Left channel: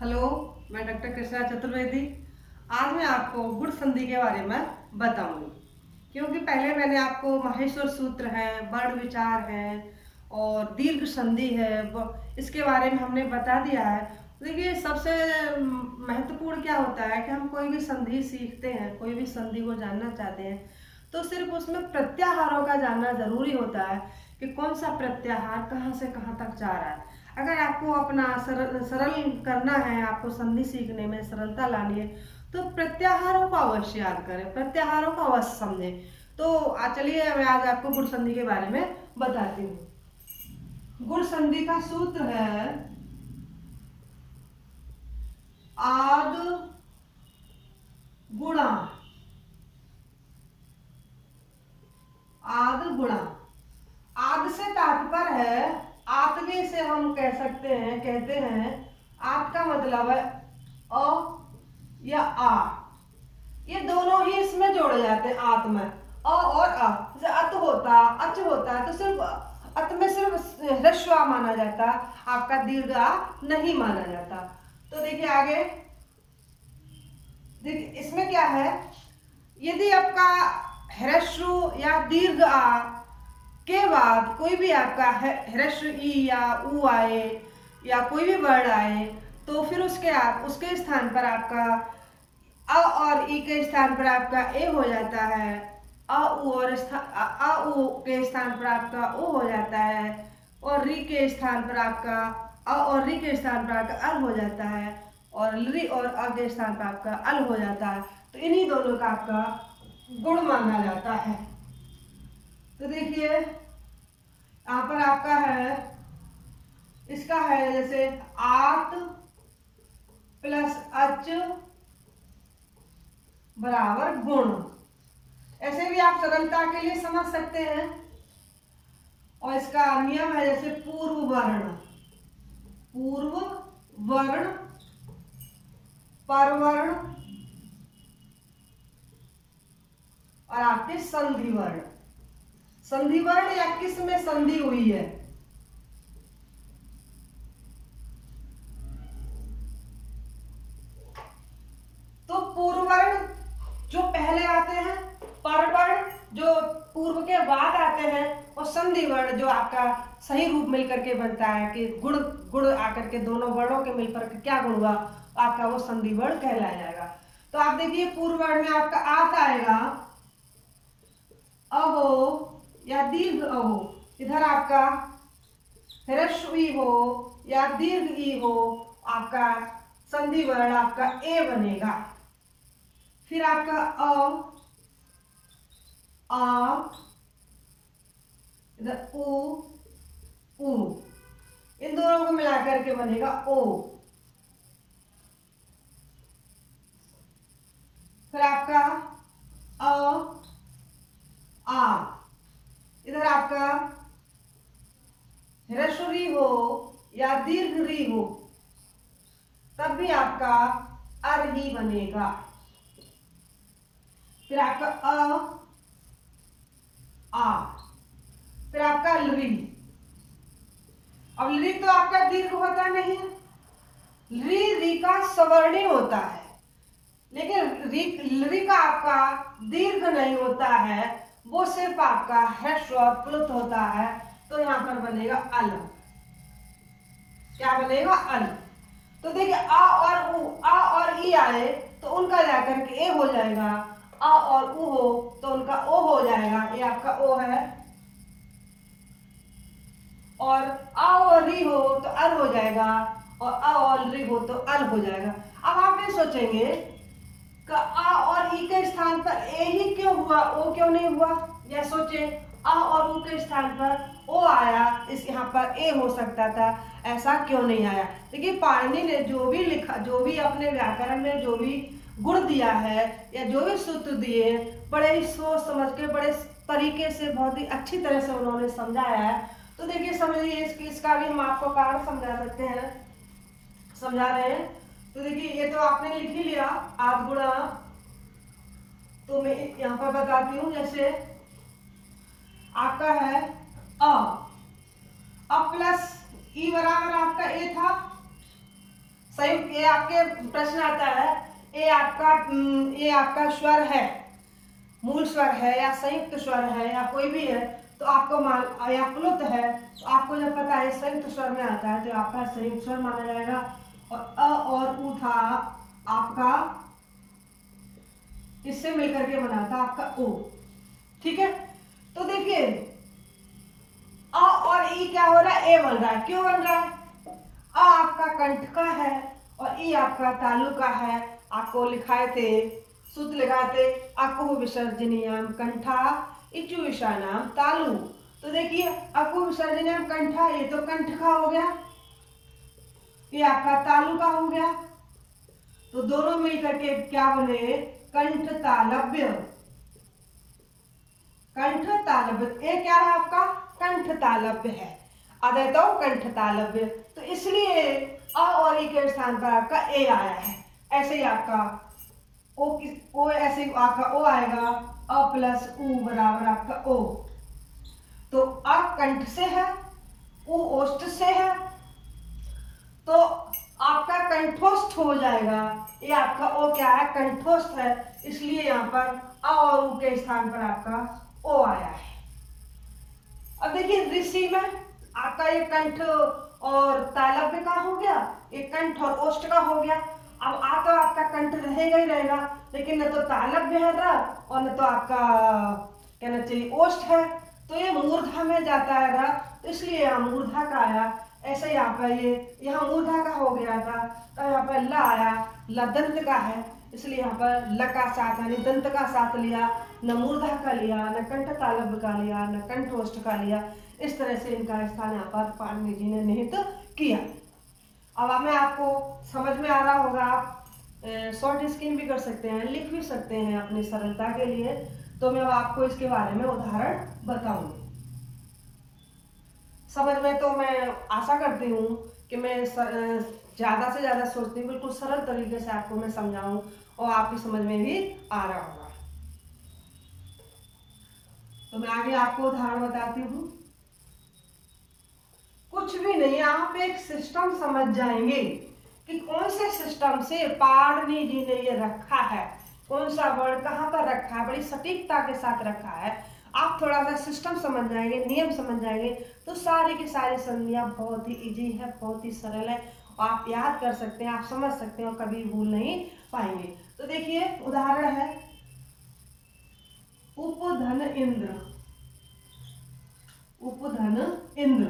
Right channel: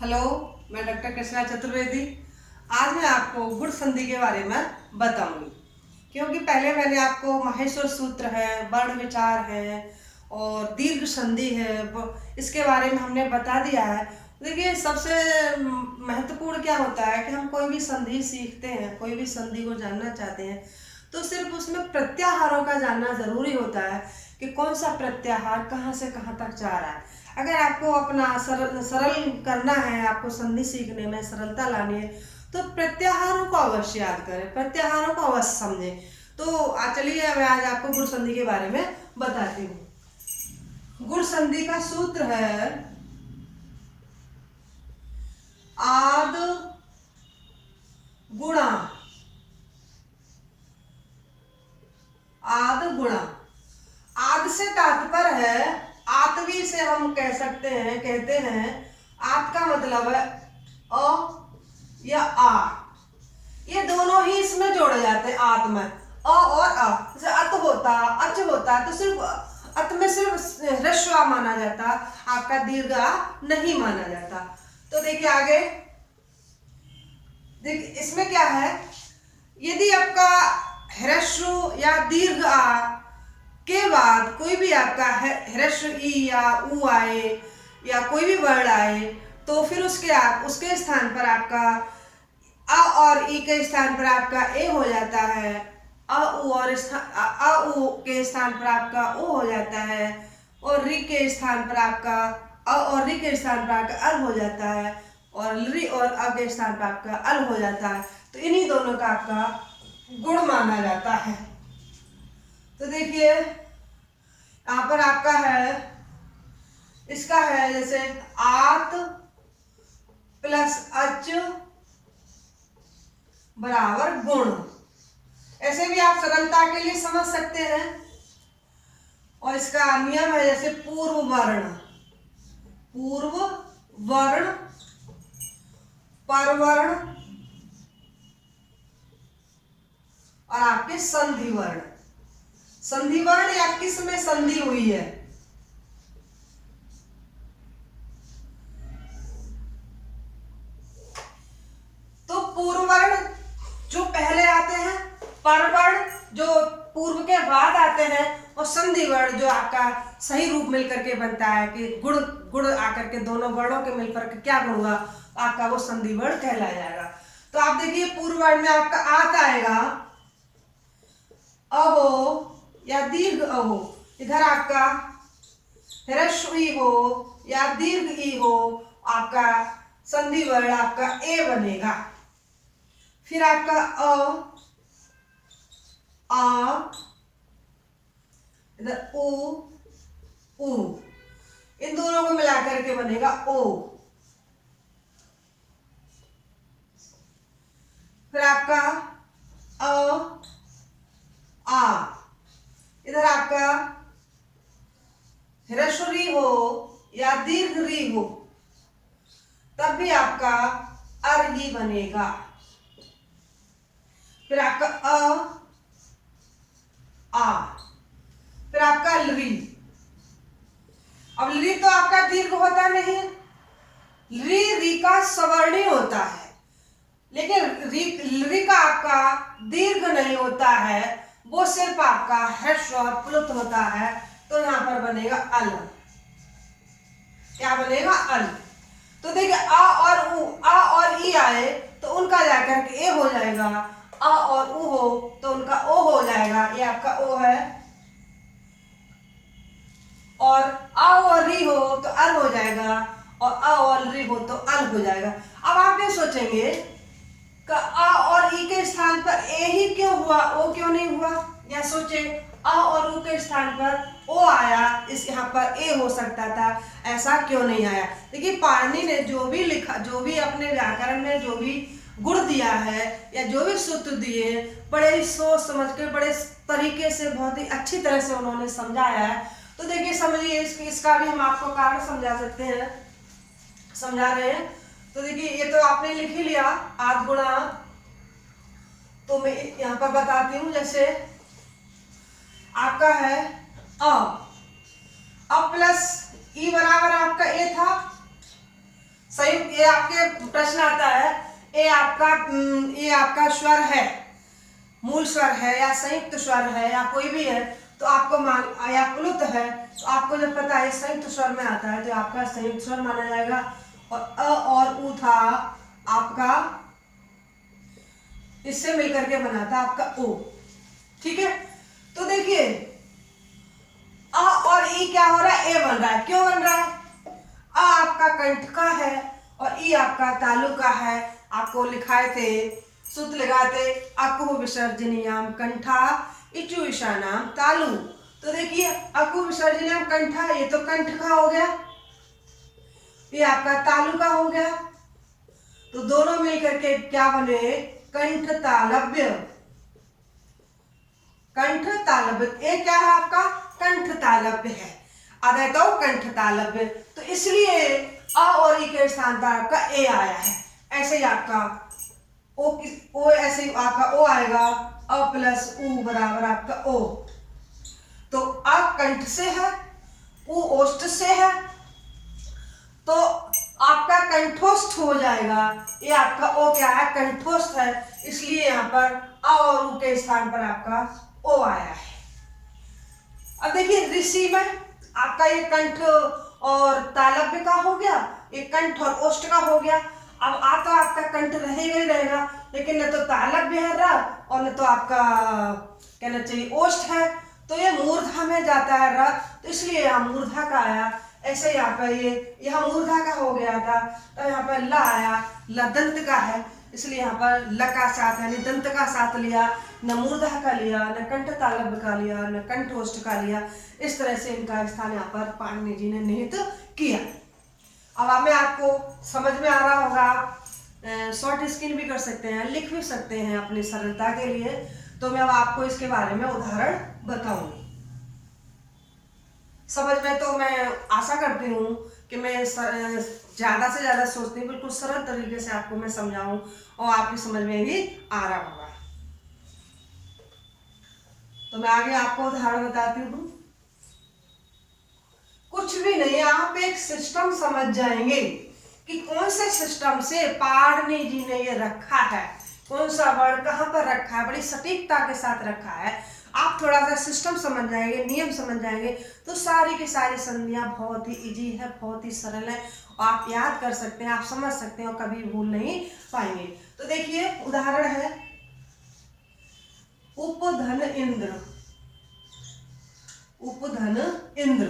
Hello, मैं doctor Krishna Chaturvedi. आज मैं आपको गुण संधि के बारे में बताऊंगी, क्योंकि पहले मैंने आपको माहेश्वर सूत्र है, वर्ण विचार है और दीर्घ संधि है, इसके बारे में हमने बता दिया है। देखिए, सबसे महत्वपूर्ण क्या होता है कि हम कोई भी संधि सीखते हैं, कोई भी संधि को जानना चाहते हैं तो सिर्फ उसमें प्रत्याहारों का जानना जरूरी होता है कि कौन सा प्रत्याहार कहाँ से कहाँ तक जा रहा है। अगर आपको अपना सरल करना है, आपको संधि सीखने में सरलता लानी है, तो प्रत्याहारों को अवश्य याद करें, प्रत्याहारों को अवश्य समझें। तो चलिए मैं आज आपको गुण संधि के बारे में बताती हूँ। गुण संधि का सूत्र है आद गुणा। आद गुणा, आद से तात्पर्य है आत्वी से हम कह सकते हैं, कहते हैं आत का मतलब है अ या आ। ये दोनों ही इसमें जोड़े जाते हैं आत में, अ और अ। जैसे अत होता, अच होता तो सिर्फ अत में सिर्फ ह्रस्व आ माना जाता, आपका दीर्घ आ नहीं माना जाता। तो देखिए आगे, देखिए इसमें क्या है, यदि आपका ह्रस्व या दीर्घ आ के बाद कोई भी आपका ह्रस्व ई या ऊ आए या कोई भी वर्ड आए, तो फिर उसके स्थान पर आपका अ और ई के स्थान पर आपका ए हो जाता है, अ उ और अ उ के स्थान पर आपका ओ हो जाता है, और री के स्थान पर आपका अ और री के स्थान पर आपका अल हो जाता है, और री और अ के स्थान पर आपका अल हो जाता है। तो इन्हीं दोनों का आपका गुण माना जाता है। तो देखिए यहाँ पर आपका है, इसका है जैसे आत प्लस अच बराबर गुण। ऐसे भी आप सरलता के लिए समझ सकते हैं। और इसका नियम है जैसे पूर्व वर्ण परवर्ण और आपके संधि वर्ण। संधि वर्ण या किस में संधि हुई है, तो पूर्व वर्ण जो पहले आते हैं, परवर्ण जो पूर्व के बाद आते हैं, और संधि वर्ण जो आपका सही रूप मिलकर के बनता है कि गुण गुण आकर के दोनों वर्णों के मिलकर के क्या गुण हुआ, आपका वो संधि वर्ण कहलाया जाएगा। तो आप देखिए पूर्व वर्ण में आपका आत आएगा, अ हो या दीर्घ अ हो, इधर आपका ह्रस्व ई हो या दीर्घ ई हो, आपका संधि वर्ण आपका ए बनेगा। फिर आपका अ, आ, इधर उ, इन दोनों को मिलाकर के बनेगा ओ। फिर आपका अ, आ, इधर आपका ह्रस्व री हो या दीर्घ री हो, तब भी आपका अर ही बनेगा। फिर आपका आ, फिर आपका लरी। अब लरी तो आपका दीर्घ होता नहीं, री का सवर्णी होता है, लेकिन लरी का आपका दीर्घ नहीं होता है, वो सिर्फ आपका ह्रस्व और प्लुत होता है। तो यहां पर बनेगा अल। क्या बनेगा? अल। तो देखिए आ और ई आए तो उनका जाकर के ए हो जाएगा, आ और उ हो तो उनका ओ हो जाएगा, ये आपका ओ है। और आ और री हो तो अल हो जाएगा, और आ और री हो तो अल हो जाएगा। अब आप ये सोचेंगे कि आ और ई के स्थान पर ए ही क्यों हुआ, ओ क्यों नहीं हुआ? या सोचे आ और उ के स्थान पर ओ आया, इस यहाँ पर ए हो सकता था, ऐसा क्यों नहीं आया? देखिए पाणिनि ने जो भी लिखा, जो भी अपने व्याकरण में जो भी गुण दिया है या जो भी सूत्र दिए हैं, बड़े ही सोच समझ के, बड़े तरीके से, बहुत ही अच्छी तरह से उन्होंने समझाया है। तो देखिए समझिए, इसका भी हम आपको कारण समझा सकते हैं, समझा रहे हैं। तो देखिए ये तो आपने लिख ही लिया आद गुणा, तो मैं यहाँ पर बताती हूँ। जैसे आपका है अ प्लस ई बराबर आपका ए था, संयुक्त, ये आपके प्रश्न आता है, ये आपका स्वर है, मूल स्वर है या संयुक्त स्वर है या कोई भी है, तो आपको मान, या प्लुत है तो आपको जब पता है संयुक्त स्वर में आता है तो आपका संयुक्त स्वर माना जाएगा। और अ और उ था आपका, इससे मिलकर के बना था आपका ओ। ठीक है, तो देखिए अ और ई क्या हो रहा है, ए बन रहा है। क्यों बन रहा है? अ आपका कंठ का है और ई आपका तालु का है। आपको लिखाए थे, सूत्र लगाते, अकुह विसर्जनीयाम कंठा इचु ईशानाम तालु। तो देखिए अकुह विसर्जनीयाम कंठा, ये तो कंठ का हो गया, ये आपका तालु का हो गया, तो दोनों मिलकर के क्या बने, कंठ तालव्य। कंठ तालव्य, ये क्या है आपका, कंठ तालव्य है, अदैतो कंठ तालव्य। तो इसलिए अ और ई के स्थान पर आपका ए आया है। ऐसे ही आपका ओ ऐसे ही आपका ओ आएगा, अ प्लस उ बराबर आपका ओ। तो अ कंठ से है, उ ओष्ठ से है, तो आपका कंठोष्ठ हो जाएगा। ये आपका ओ क्या है, कंठोष्ठ है, इसलिए यहाँ पर अ और उ के स्थान पर आपका ओ आया है। अब देखिए ऋषि में आपका ये कंठ और तालव्य का हो गया, ये कंठ और ओष्ठ का हो गया। अब तो आपका कंठ रहेगा ही रहेगा, लेकिन न तो तालव्य है रहा और न तो आपका कहना चाहिए ओष्ठ है, तो ये मूर्धा में जाता है रहा, तो इसलिए यहाँ मूर्धा का आया। ऐसे यहाँ पर ये यहाँ मूर्धा का हो गया था, तो यहाँ पर ल आया, ल दंत का है, इसलिए यहाँ पर ल का साथ यानी दंत का साथ लिया, न मूर्धा का लिया, न कंठ तालव्य का लिया, न कंठोष्ठ का लिया। इस तरह से इनका स्थान यहाँ पर पाणिनि जी ने निहित किया। अब हमें आपको समझ में आ रहा होगा, आप शॉर्ट स्क्रीन भी कर सकते हैं, लिख भी सकते हैं अपनी सरलता के लिए। तो मैं अब आपको इसके बारे में उदाहरण बताऊंगी। समझ में, तो मैं आशा करती हूँ कि मैं ज़्यादा से ज़्यादा सोचती हूँ बिल्कुल सरल तरीके से आपको मैं समझाऊं और आपकी समझ में भी आ रहा होगा। तो मैं आगे आपको उदाहरण बताती हूँ। कुछ भी नहीं, आप एक सिस्टम समझ जाएंगे कि कौन से सिस्टम से पाणिनि जी ने ये रखा है, कौन सा वर्ड कहाँ पर रखा है, बड़ी सटीकता के साथ रखा है। आप थोड़ा सा सिस्टम समझ जाएंगे, नियम समझ जाएंगे, तो सारी की सारी संधियाँ बहुत ही इजी है, बहुत ही सरल है, आप याद कर सकते हैं, आप समझ सकते हैं और कभी भूल नहीं पाएंगे। तो देखिए उदाहरण है, उपधन इंद्र। उपधन इंद्र।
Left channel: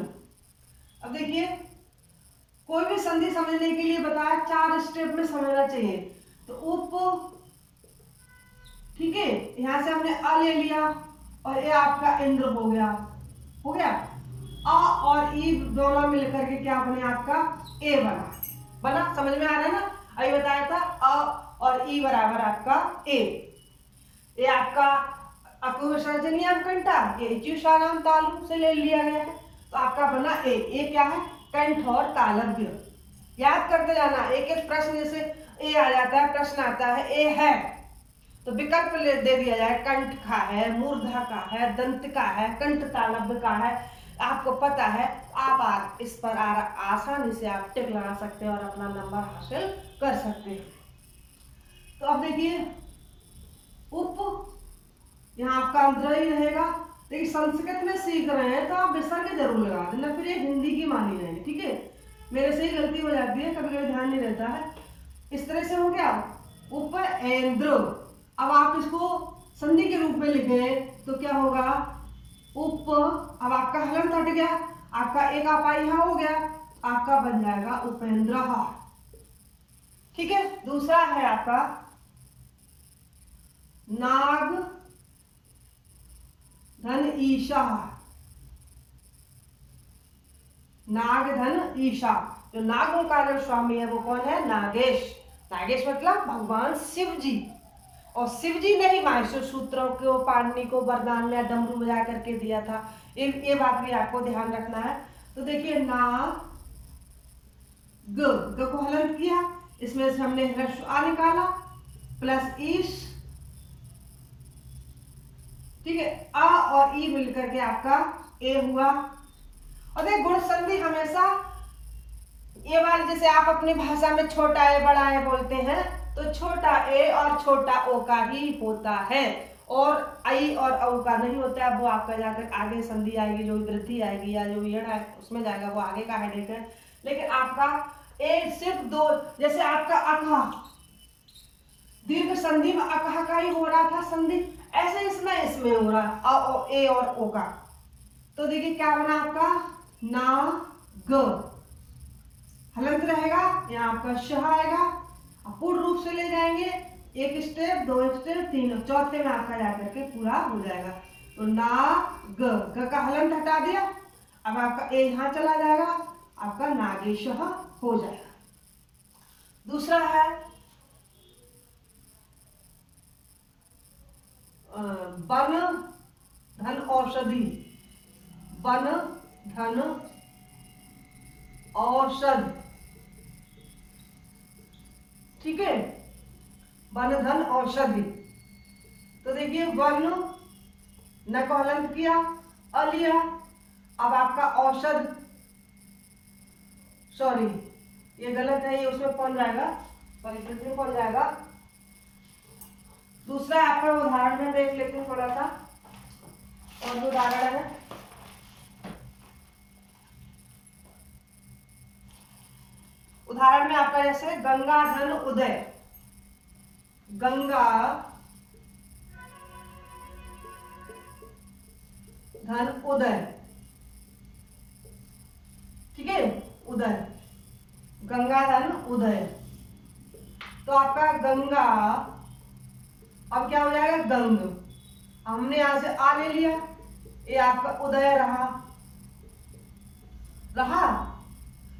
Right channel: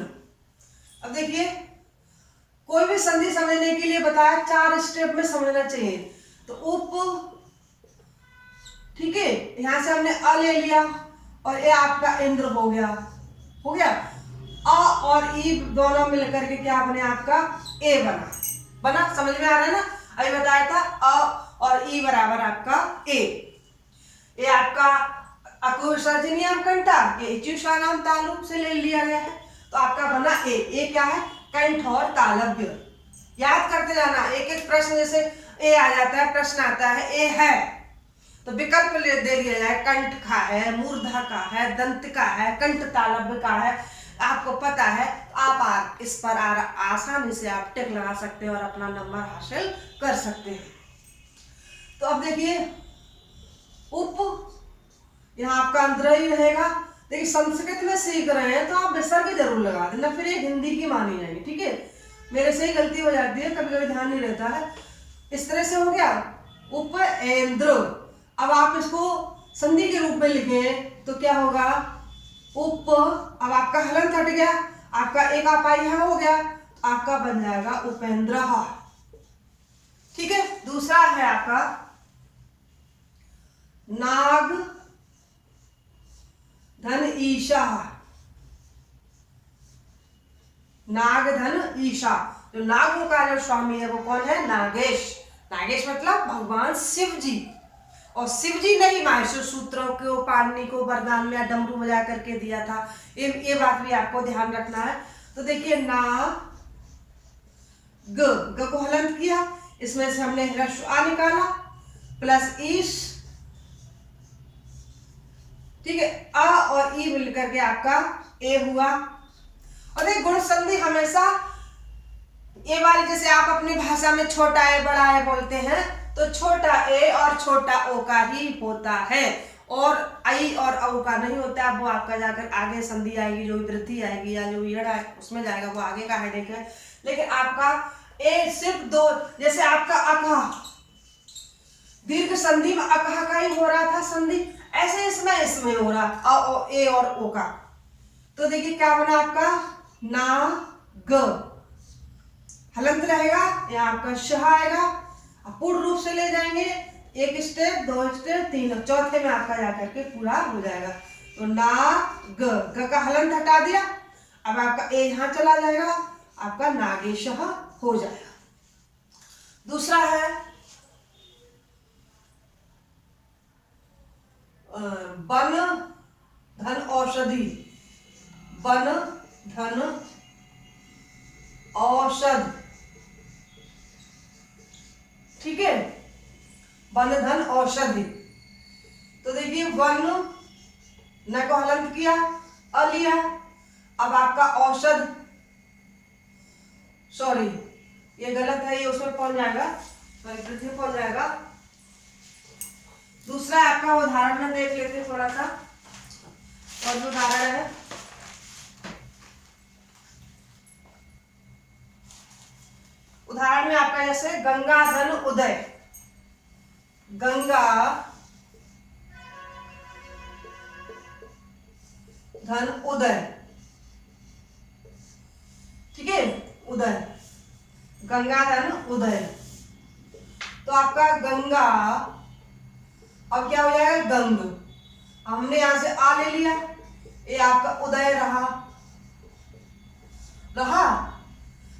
अब देखिए कोई भी संधि समझने के लिए बताया 4 स्टेप में समझना चाहिए। तो उप, ठीक है, यहां से हमने अ ले लिया और ये आपका इंद्र हो गया, हो गया। अ और ई दोनों मिलकर के क्या बने, आपका ए बना। समझ में आ रहा है ना? अभी बताया था अ और ई बराबर आपका ए। ये आपका अकुह विसर्जनीयाम कंठा, ये इचुषानाम तालु से ले लिया गया है, तो आपका बना ए। ए क्या है, कंठ और तालव्य। याद करते जाना, एक एक प्रश्न जैसे ए आ जाता है, प्रश्न आता है ए है तो विकल्प दे दिया जाए, कंठ का है, मूर्धा का है, दंत का है, कंठ तालव्य का है, आपको पता है, आप इस पर आसानी से आप टिक लगा सकते हैं और अपना नंबर हासिल कर सकते हैं। तो अब देखिए उप, यहाँ आपका अंतर ही रहेगा। देखिए संस्कृत में सीख रहे हैं तो आप विसर्ग जरूर लगा देना, फिर ये हिंदी की मानी जाएगी, ठीक है। मेरे से ही गलती हो जाती है, कभी कभी ध्यान नहीं रहता है। इस तरह से हो गया उपेंद्र। अब आप इसको संधि के रूप में लिखें तो क्या होगा, उप, अब आपका हलंत हट गया, आपका एक आपा यहाँ हो गया, आपका बन जाएगा उपेंद्र, ठीक है। दूसरा है आपका नाग धन ईशा। नाग धन ईशा, जो नागों का जो स्वामी है वो कौन है, नागेश। नागेश मतलब भगवान शिव जी। और शिव जी ने ही माहेश्वर सूत्रों को पाणिनि को वरदान में डमरू बजा करके दिया था, ये बात भी आपको ध्यान रखना है। तो देखिए ना ग को हलंत किया, इसमें से हमने ह्रस्व आ निकाला प्लस ईश, ठीक है। अ और ई मिलकर के आपका ए हुआ। और एक गुण संधि हमेशा ए वाली जैसे आप अपनी भाषा में छोटा ए बड़ा ए बोलते हैं, तो छोटा ए और छोटा ओ का ही होता है, और आई और औ का नहीं होता है। वो आपका जाकर आगे संधि आएगी, जो वृद्धि आएगी या जो यड़ उसमें जाएगा, वो आगे का हेडेक है। लेकिन आपका ए सिर्फ दो, जैसे आपका अकह दीर्घ संधि में अकह का ही हो रहा था संधि, ऐसे इसमें हो रहा ए और ओ का। तो देखिए क्या बना आपका ना ग, हलंत रहेगा, यहाँ आपका शह आएगा। पूर्ण रूप से ले जाएंगे, एक स्टेप, दो स्टेप, तीन, चौथे में आपका जाकर के पूरा हो जाएगा। तो ना ग का हलंत हटा दिया, अब आपका ए यहाँ चला जाएगा, आपका नागेश हो जाएगा। दूसरा है वन धन औषधि, वन धन औषध, ठीक है, वन धन औषधि। तो देखिए वन न को हलंत किया, अ लिया, अब आपका औषध, सॉरी ये गलत है, ये उसमें पहुंच जाएगा, सॉरी पृथ्वी पहुंच जाएगा। दूसरा आपका उदाहरण में देख लेते हैं थोड़ा सा, और भी उदाहरण है। उदाहरण में आपका जैसे गंगा धन उदय, गंगा धन उदय, ठीक है, उदय, गंगा धन उदय। तो आपका गंगा अब क्या हो जाएगा गंग, हमने यहां से आ ले लिया, ये आपका उदय रहा,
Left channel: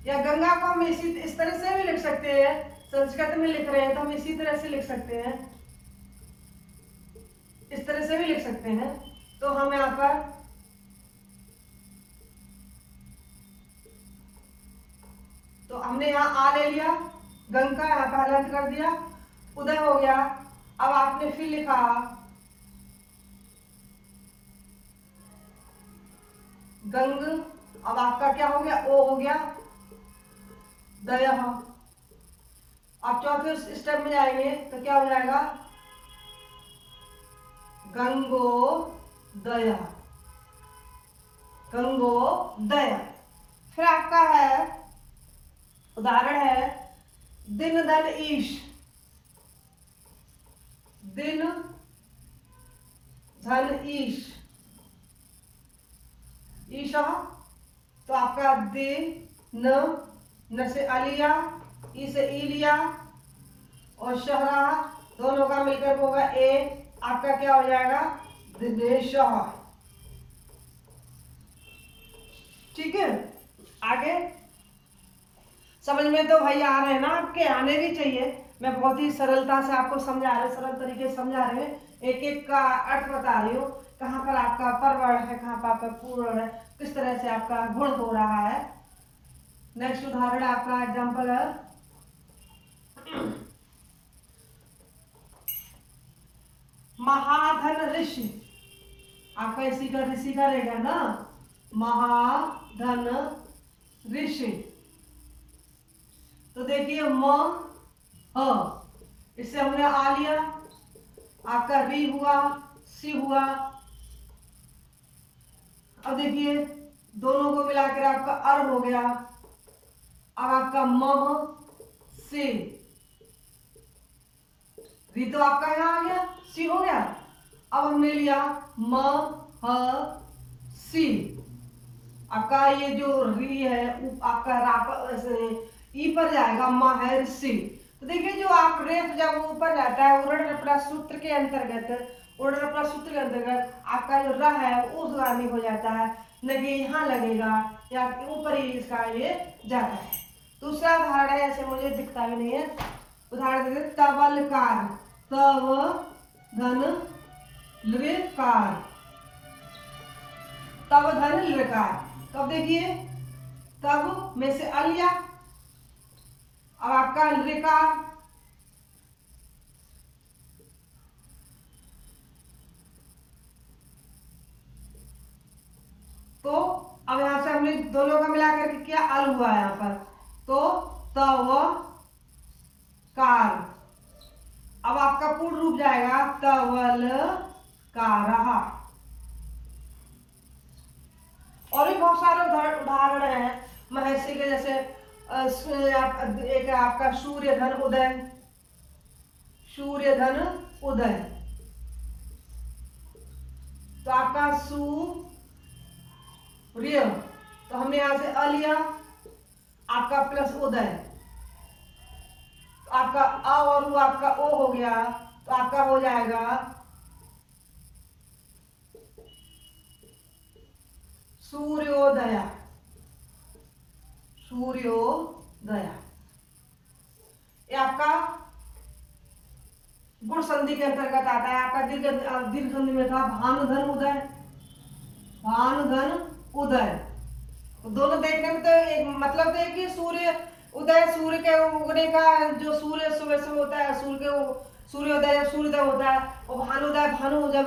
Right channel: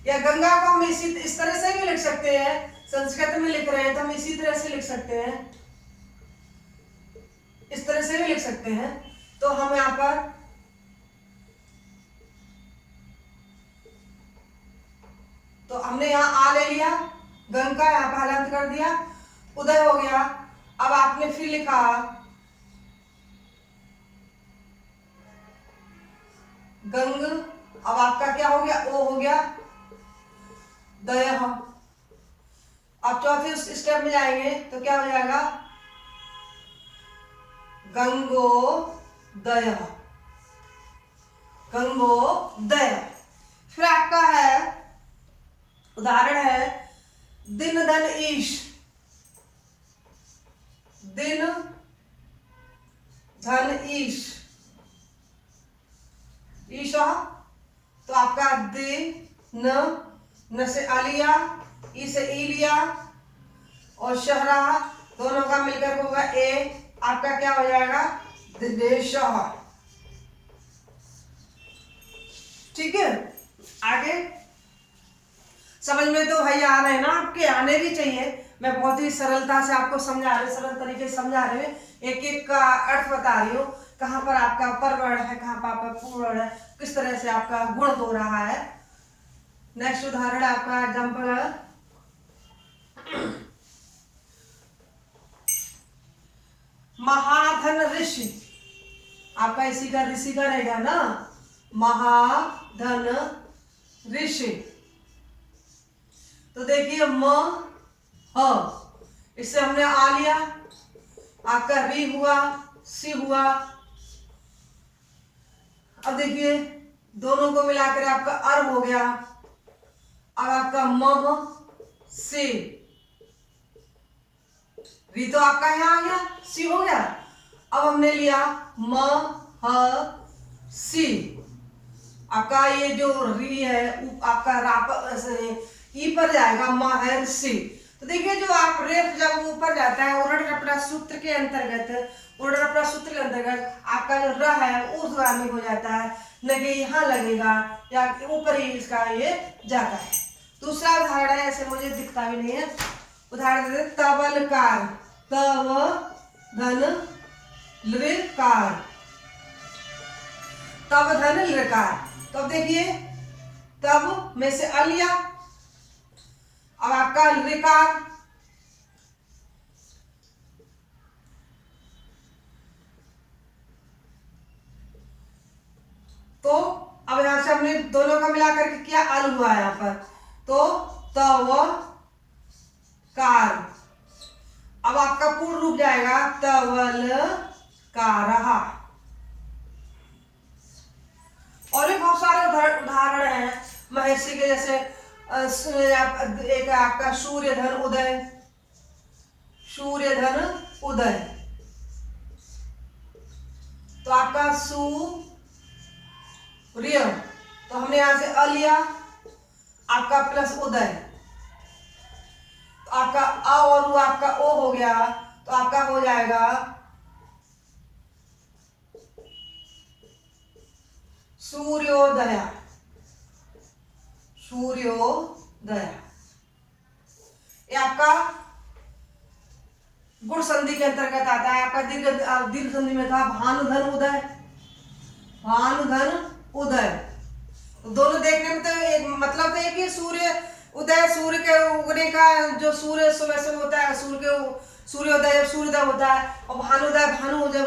या गंगा को हम इस तरह से भी लिख सकते हैं, संस्कृत में लिख रहे हैं तो हम इसी तरह से लिख सकते हैं, इस तरह से भी लिख सकते हैं। तो हम यहाँ पर तो हमने यहाँ आ ले लिया, गंग का यहाँ पर हलंत कर दिया, उदय हो गया। अब आपने फिर लिखा गंग, अब आपका क्या हो गया ओ हो गया दय। अब चौथे स्टेप में जाएंगे तो क्या हो जाएगा गंगोदय, गंगोदय। फिर आपका है उदाहरण है दिन धन ईश, दिन धन ईश, ईशा, तो आपका दे न से आ लिया, ई से ई लिया, और शहरा दोनों का मिलकर होगा ए, आपका क्या हो जाएगा दिनेश, ठीक है। आगे समझ में तो भाई आ रहे हैं ना, आपके आने भी चाहिए, मैं बहुत ही सरलता से आपको समझा रहे, सरल तरीके से समझा रहे, एक एक का अर्थ बता रही हूँ, कहाँ पर आपका परवर्ण है, कहाँ पर आपका पूर्ण है, किस तरह से आपका गुण हो रहा है। नेक्स्ट उदाहरण आपका एग्जाम्पल है महाधन ऋषि, आपका इसी का ऋषि का रहेगा ना, महाधन ऋषि। तो देखिए म ह, इससे हमने आ लिया, आपका री हुआ, सी हुआ। अब देखिए दोनों को मिलाकर आपका अर हो गया, अब आपका मह से, री तो आपका यहाँ आ गया, सी हो गया। अब हमने लिया म ह सी, आपका ये जो री है आपका राप ई पर जाएगा महर्षि। तो देखिए जो आप रेफ जब ऊपर जाता है उरण रपड़ा सूत्र के अंतर्गत, उरण रपड़ा सूत्र के अंतर्गत आपका जो र है ऊर्ध्वगामी हो जाता है, न कि यहाँ लगेगा या ऊपर ही इसका ये जाता है। दूसरा उदाहरण है, ऐसे मुझे दिखता भी नहीं है, उदाहरण देते तबलकार, तव धन लृकार, तब धन लृकार। तो अब देखिए तब में से अ लिया, अब आपका लृकार, तो अब यहां से हमने दोनों का मिलाकर के किया अल हुआ है यहाँ पर, तो तव कार। अब आपका पूर्ण रूप जाएगा तवल कारः। और भी बहुत सारे उदाहरण हैं महर्षि के, जैसे एक आपका सूर्यधन उदय, सूर्यधन उदय, तो आपका सूर्य, तो हमने यहां से अ लिया, आपका प्लस उदय, तो आपका अ और उ आपका ओ हो गया, तो आपका हो जाएगा सूर्योदय, सूर्योदय। ये आपका गुण संधि के अंतर्गत आता है। आपका दीर्घ संधि में था भानुधन उदय, भानुधन उदय। तो दोनों देखने में तो एक मतलब तो एक ही, सूर्य उदय, सूर्य के उगने का, जो सूर्य सुबह से होता है, सूर्योदय जब सूर्योदय होता है, और भानुदय भानु जब,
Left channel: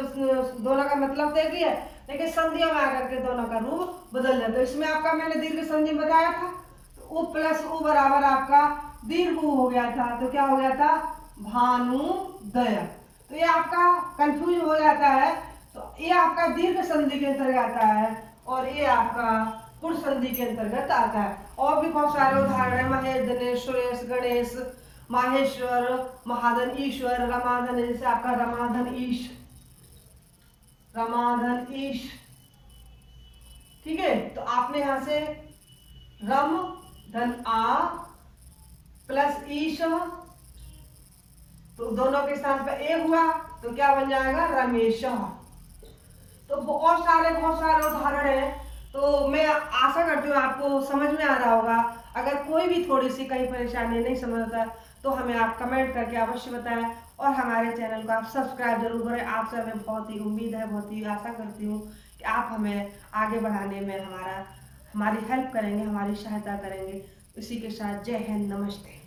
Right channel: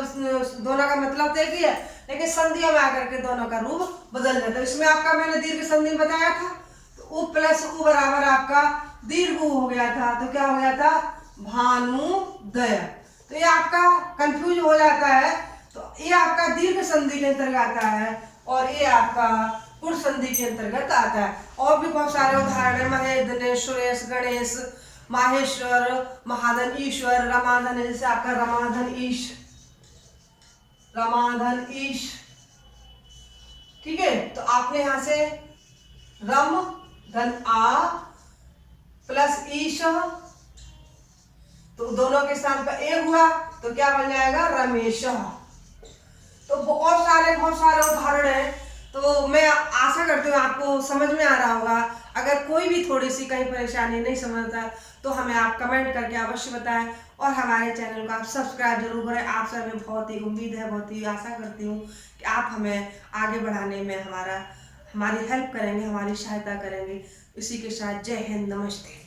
दोनों का मतलब तो एक ही है, लेकिन संधियों में आकर के दोनों का रूप बदल जाता है। इसमें आपका मैंने दीर्घ संधि बताया था, तो उ प्लस उ बराबर आपका दीर्घ उ हो गया था, तो क्या हो गया था भानुदय। तो ये आपका कंफ्यूज हो जाता है, तो ये आपका दीर्घ संधि के अंतर्गत आता है और ये आपका गुण संधि के अंतर्गत आता है। और भी बहुत सारे उदाहरण है, महेश, दिनेश, सुरेश, गणेश, माहेश्वर, महाधन, ईश्वर, रमाधन, जैसे आपका रमाधन ईश, रमाधन ईश। ठीक है, तो आपने यहां से रम धन आ प्लस ईश, तो दोनों के स्थान पर ए हुआ, तो क्या बन जाएगा रमेश। तो बहुत सारे उदाहरण हैं। तो मैं आशा करती हूँ आपको समझ में आ रहा होगा। अगर कोई भी थोड़ी सी कहीं परेशानी नहीं समझता तो हमें आप कमेंट करके अवश्य बताएं, और हमारे चैनल को आप सब्सक्राइब जरूर करें। आपसे हमें बहुत ही उम्मीद है, बहुत ही आशा करती हूँ कि आप हमें आगे बढ़ाने में हमारी हेल्प करेंगे, हमारी सहायता करेंगे। इसी के साथ जय हिंद, नमस्ते।